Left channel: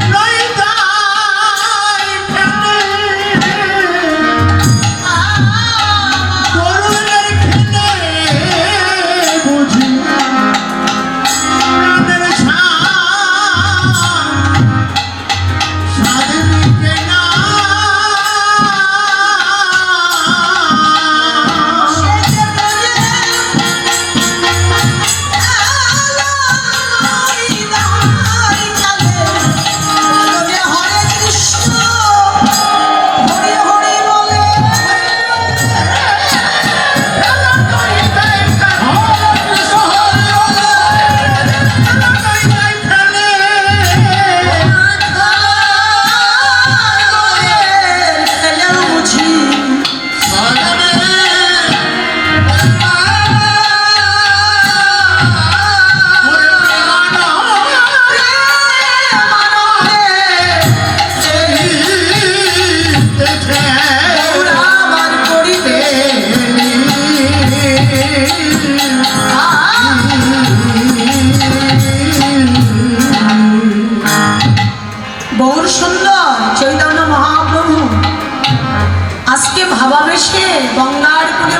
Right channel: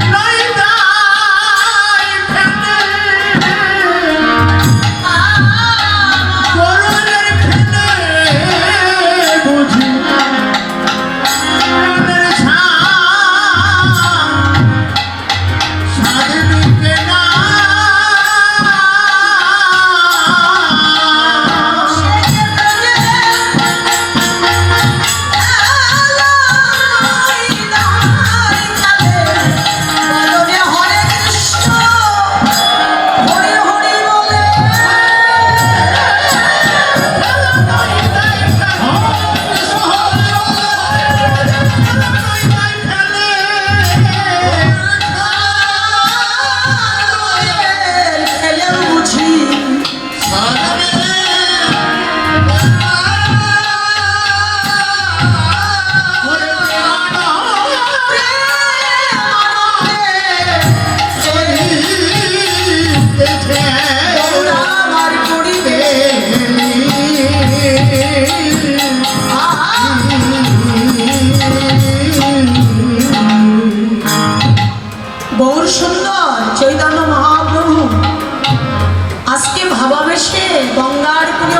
খেলা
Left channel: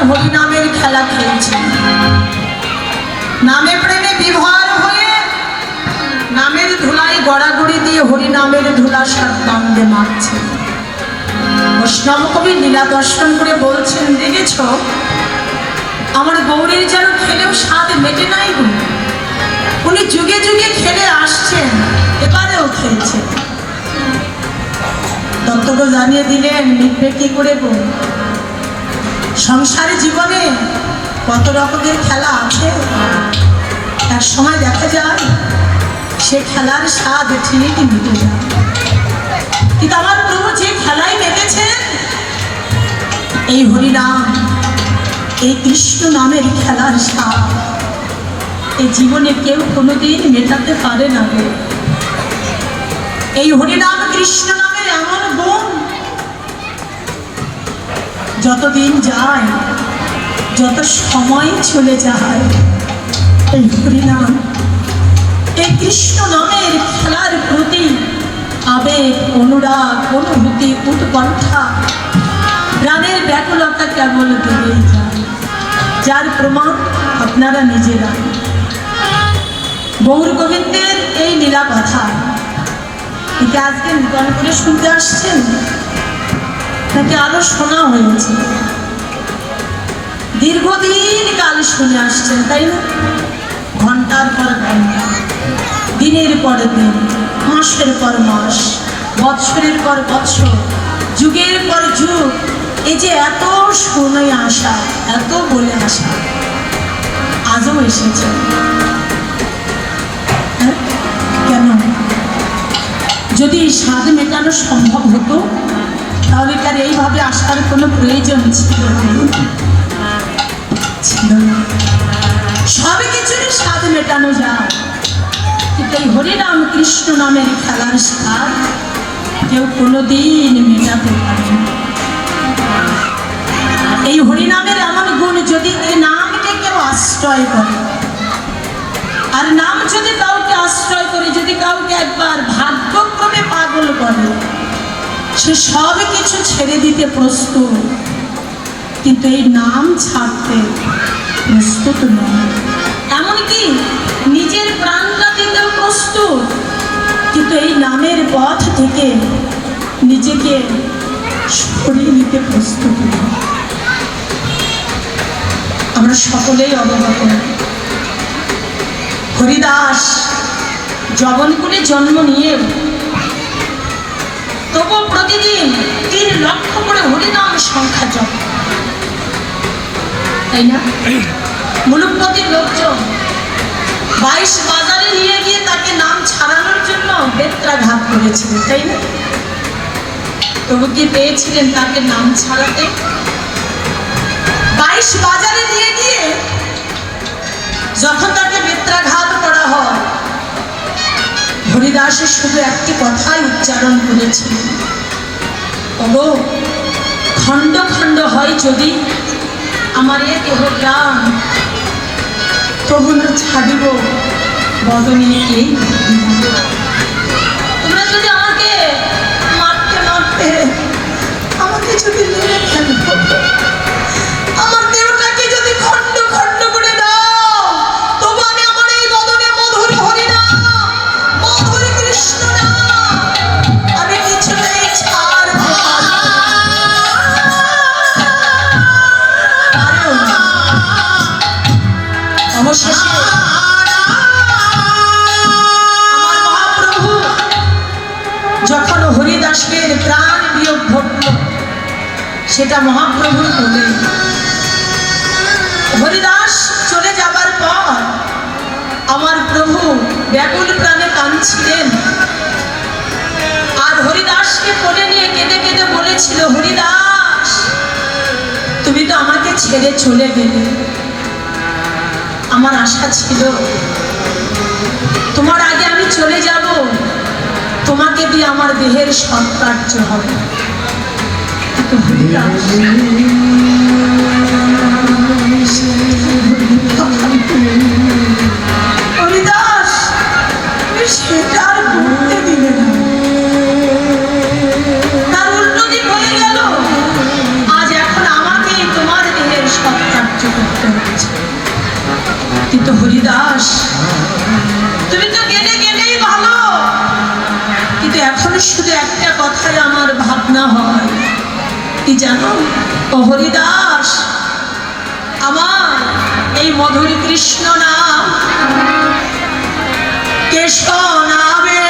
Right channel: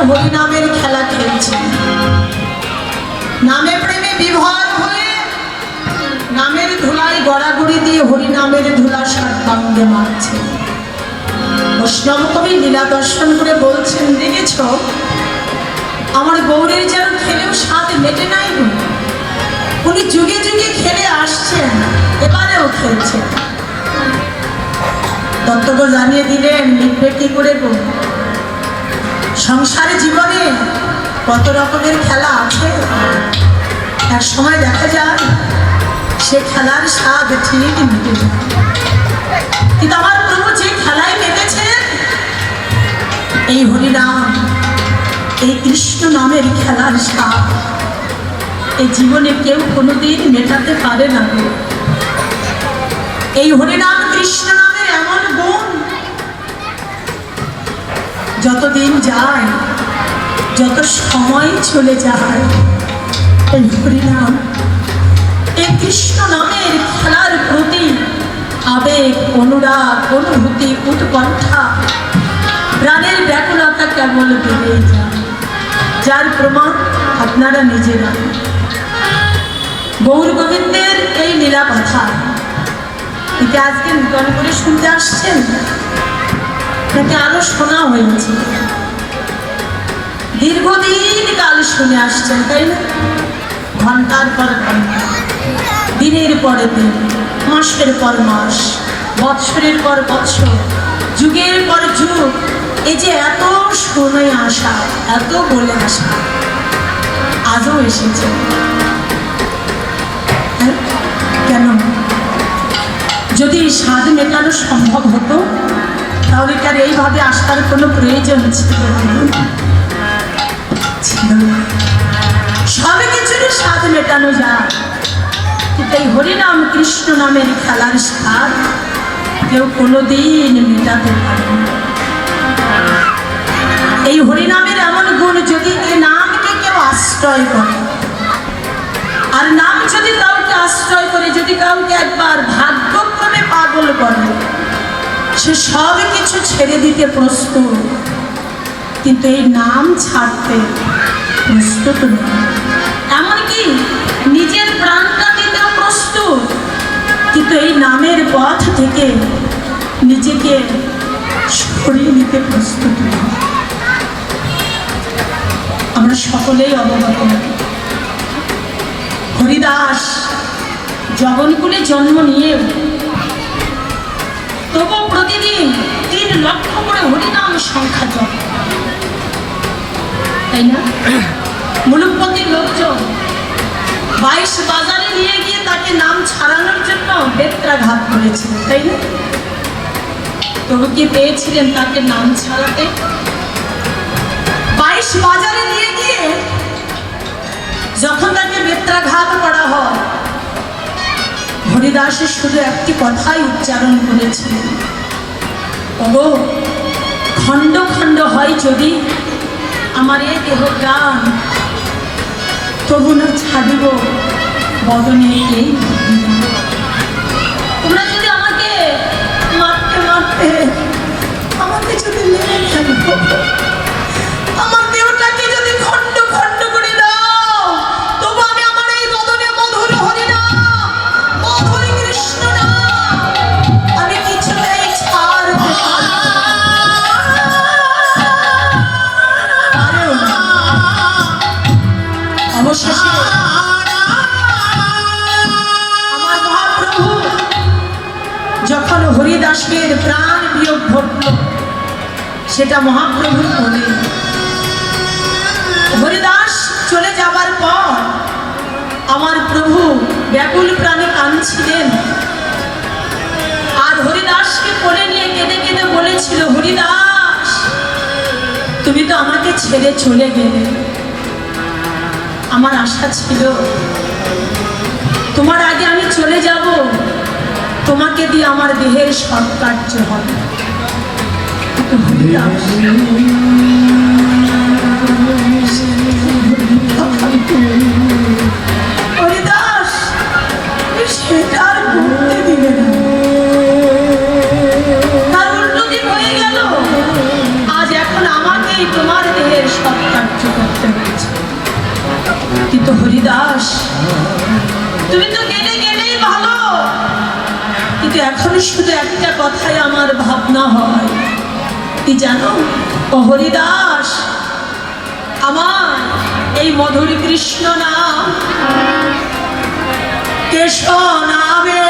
হরিনামের খেলা খেলছে। নামে প্রেমে বিভর হয়ে নামের ধুলাই গড়াগড়ি দিয়ে হরিনামের ধুলা সাতদণ্ডে মারছে। বৈষ্ণব কবি লীলা দর্শন করে বলছেন, দেখেছ, আমার গৌরীর যেন খেলেও স্বাদ মেটে নাই উনি যুগে যুগে খেলে আসছেন, এবারেও খেলছেন। দত্তক জানিয়ে দিলেন মিটবে কি করে গো সংসার জীবনে কত রকমের খেলা আছে এক সময় দেখা যায়, সে খেলার স্বাদ ঠিকই মিটে যায় কিন্তু আমার প্রভু যে খেলায় মেতেছেন এই হরিনাম, এই কৃষ্ণ নামের খেলার স্বাদ, এই জীবনে কেউ কোনোদিন মেটাতে পারে না। এই হরিনাম কৃষ্ণ নামের এমন গুণ যতদিন যায়, যত সময় চলে যায় এই হরিনাম। এই কৃষ্ণ নামের খেলার প্রতি আবেগ, অনুরাগ, অনুভূতি, উৎকণ্ঠা, প্রাণের ব্যাকুলতা কেবল বেড়েই যায়। যার প্রমাণ আপনারা নিজেরা। গৌর গোবিন্দের এই লীলা কথা এটা আজকে নূতন করে শুনতে আসছেন? নাকি আরও শোনা হয়েছে। দীর্ঘদিন কাল শুনে আসছেন, তাই না? ঘণ্টার পর ঘণ্টা, দিনের পর দিন, মাসের পর মাস, বৎসরের পর বৎসর, যুগের পর যুগ, এই যে এত শুনে আসা, এত বলে আসা, আজও এসেছে। হ্যাঁ? কেন? যদি স্বাদ মেটানো সম্ভব হতো তাহলে তার এইভাবে আসার কোনো প্রয়োজন। ছিল সব কিছুরই স্বাদ মেটানো যায়। কিন্তু এই হরিনাম কৃষ্ণ নামের খেলার স্বাদ কেউ কোনোদিন মেটাতে পারে এই হরিনামের এমন গুণ যদি এই নামকে কেউ আশ্রয় করে, আর নাম যদি কাউকে আশ্রয় করে, যদি কাউকে একবার ভাগ্যক্রমে পাগল করে সে সব কিছু ছেড়ে দিতে প্রস্তুত। কিন্তু এই নাম ছাড়তে প্রস্তুত নয়। এমনকি নিজের প্রাণটা দিতেও প্রস্তুত। কিন্তু এই নামের পথ থেকে নিজেকে সরিয়ে নিতে প্রস্তুত। আমরা সকলেই অবগত। হরিদাস, জগনকুলে জন্ম নিয়ে তবু প্রতিদিন তিন লক্ষ করে হরিনাম সংখ্যা জপ। তাই না? মুলুকপতির লোকজন বাইশ বাজারে নিয়ে গিয়ে তাকে নাম ছাড়ানোর জন্য বেত্রাঘাত করেছিল, তাই না? তবু কি পেয়েছিলেন তাকে নাম ছাড়াতে? বাইশ বাজারে হরিদাসের শুধু একটি কথাই উচ্চারণ করেছিলেন ওগো, খণ্ড খণ্ড হয় যদি আমার এ দেহ প্রাণ, তবু না ছাড়িব বদনে এই তোমরা যদি আমাকে মারতে মারতে, আমাকে যদি যখন হরিদাসের প্রাণ বিয়োগ ঘটল, সেটা মহাপ্রভুর বলে হরিদাস চলে যাবার পর আমার প্রভু ব্যাকুল প্রাণে কাঁদছিলেন। আর হরিদাসকে কোলে নিয়ে কেঁদে কেঁদে বলেছিল, হরিদাস, তুমি তো আমাকে ছেড়ে চলে গেলে। আমার আশা ছিল দেহের সৎকার্য হবে। হরিদাস হরিদাস তুমি সেটা আর করতে না। তার উল্টো হয়ে গেল। আজ এখন আমাকেই তোমার দেহের সৎকার্য করতে হচ্ছে কিন্তু হরিদাস তুমি তো গেলে কিন্তু এখন শুধু একটা কথাই আমার ভাবনা হয়। কি জানো? হরিদাস আমার এই মধুরী কৃষ্ণ নাম কেশব নামে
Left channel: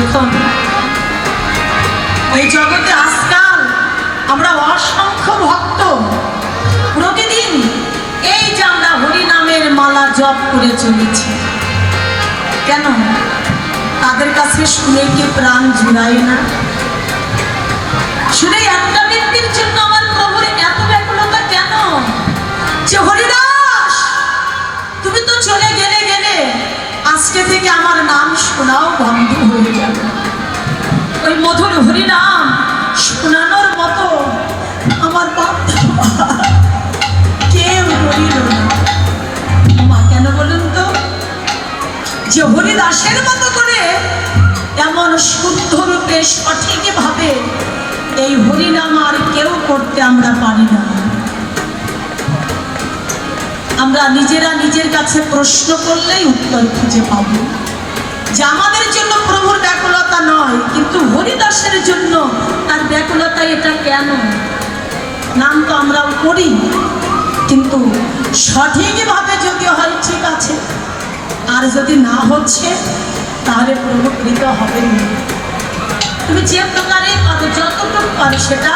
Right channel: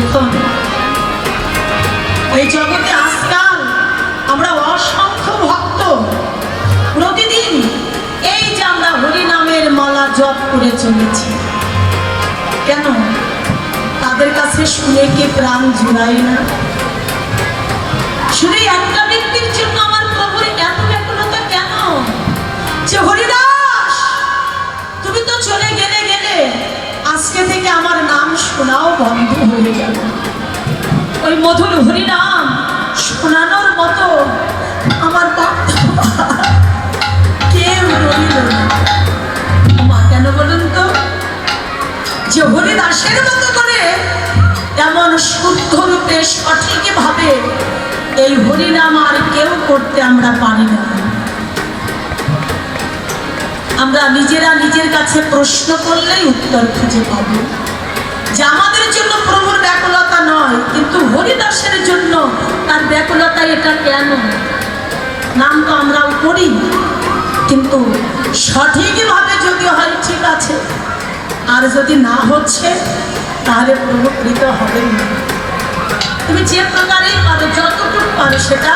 দেখুন এই জগতে আজকাল আমরা অসংখ্য ভক্ত। প্রতিদিন এই যে আমরা হরিনামের মালা জপ করে চলেছি। কেন? তাদের কাছে শুনে কি প্রাণ জুড়াই না? এই একটা ব্যক্তির জন্য আমার প্রভুর এত ব্যাকুলতা কেন? যে হরিদাস, তুমি তো চলে গেলে থেকে আমার নাম শোনাও, বন্ধ হয়ে গেল ওই মধুর হরি নাম শোনানোর মতো আমার কেউ রইল মা, কেন বলুন তো? যে হরিদাসের মতো করে এমন শুদ্ধ রূপে সঠিকভাবে এই হরিনাম আর কেউ করতে আমরা পারি না। আমরা নিজেরা নিজের কাছে প্রশ্ন করলেই উত্তর খুঁজে পাব। যে আমাদের জন্য প্রভুর ব্যাকুলতা নয়, কিন্তু হরিদাসের জন্য তার ব্যাকুলতা এটা কেন? নাম তো আমরাও করি কিন্তু সঠিকভাবে যদি হয় ঠিক আছে। আর যদি না হচ্ছে, তাহলে প্রভুকৃত হবে না। তুমি যে প্রকারে পারো যতটুকু পারো সেটা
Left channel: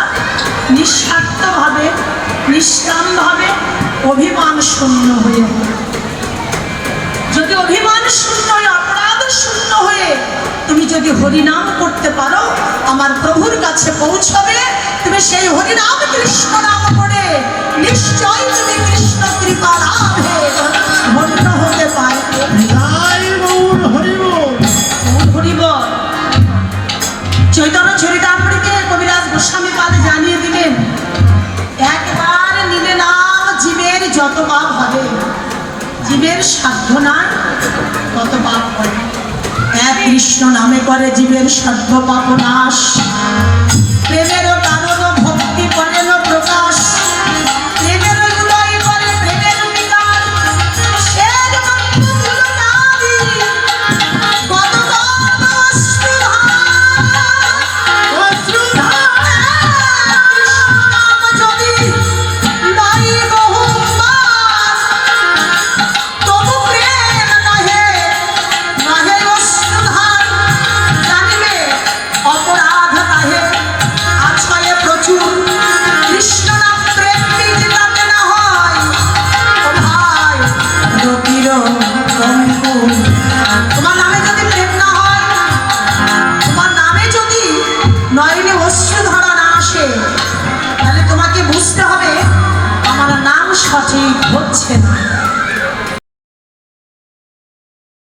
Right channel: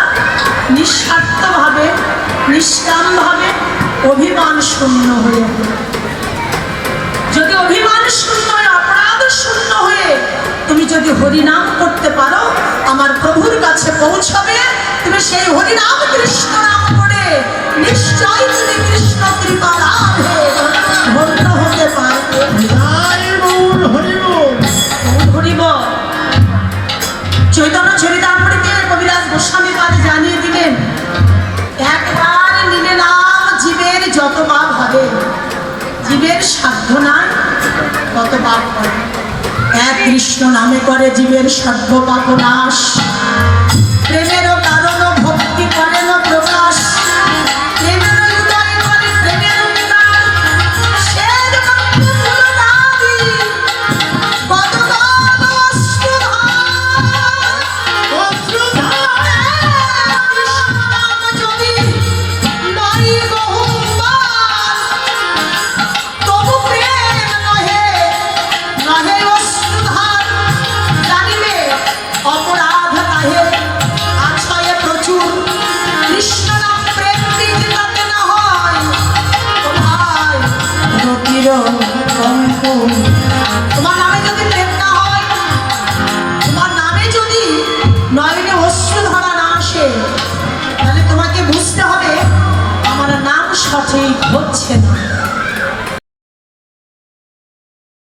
নিঃস্বার্থভাবে, নিষ্কামভাবে অভিমান শূন্য হয়ে যদি অভিমান শূন্য হয়ে, অপরাধ শূন্য হয়ে, তুমি যদি হরিনাম করতে পারো, আমার প্রভুর কাছে পৌঁছবে। তুমি সেই হরিনাম কৃষ্ণ নাম করে নিশ্চয় তুমি কৃষ্ণ কৃপা লাভে ধন্য হতে পারবে। পাপ হবে জীবের সাধ্য না পাপ করে। এক কৃষ্ণ নামে করে জীবের সাধ্য পাপ নাশ। তোমার নামে যদি প্রেম তোমার নামে যদি নয়নে অশ্রু ধরা না আসে, তাহলে তোমাকে বুঝতে হবে আমার নাম সঠিক হচ্ছে না।